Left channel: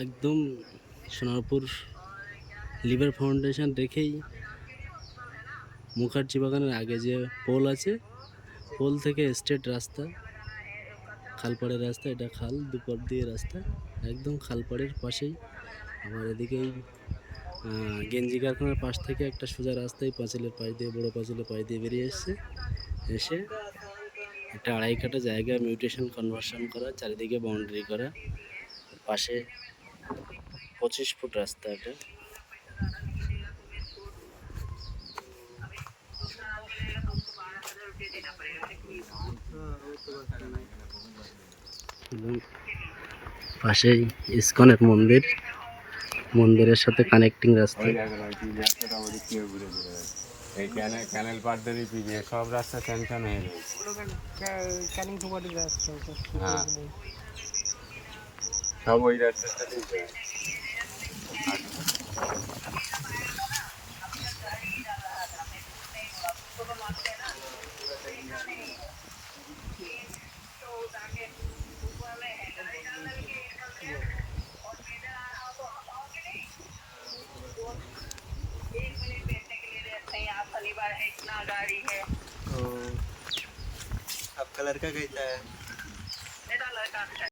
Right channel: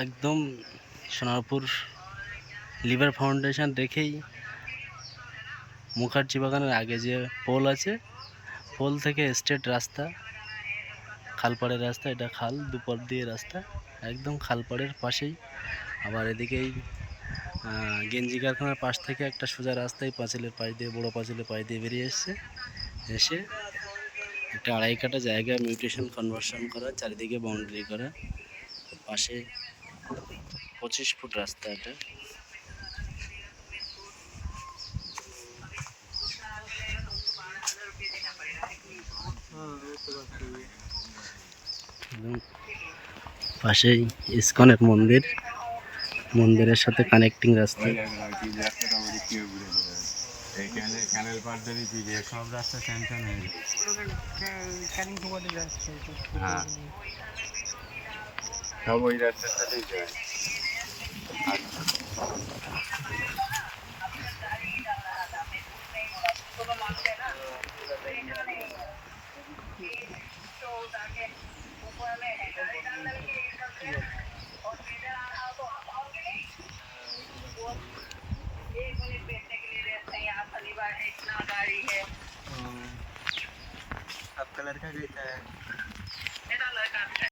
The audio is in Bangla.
একদম সোনারপুর লিভার ফাউন্ডেশন দেখেই মুখার্জি বাগানের আগে যে পোল আছে, পোল থেকে স্ট্রেট রাস্তা, খালপাড়ের রাস্তা, এটা খাল দুপার দিয়ে রাস্তা, একদম খালপাড়ের পাশেই। আবার এদিকেই গেঞ্জি কারখানার পাশ থেকে একটা সোজা রাস্তায় পাঁচিলের পাশ দিয়ে, বড় পাঁচিলের পাশ দিয়ে বেরিয়ে এসছে, এসে একটা 2.5 কাঠা জায়গা মিউটেশন কনভার্সন করা, চারিদিকে বাউন্ডারি করা, পাশে 25 ফুট রাস্তা। এটা একদম পাশেই ইসকনের মন্দির, মন্দিরের সাথে কানেক্টিং রাস্তা। ক্যানেল পার দিয়ে সব রাস্তা ক্যান্সেল হয়ে গেছে। হ্যাঁ, সব ওই রাস্তাটাতেই যায়। आपका लड़का कहता है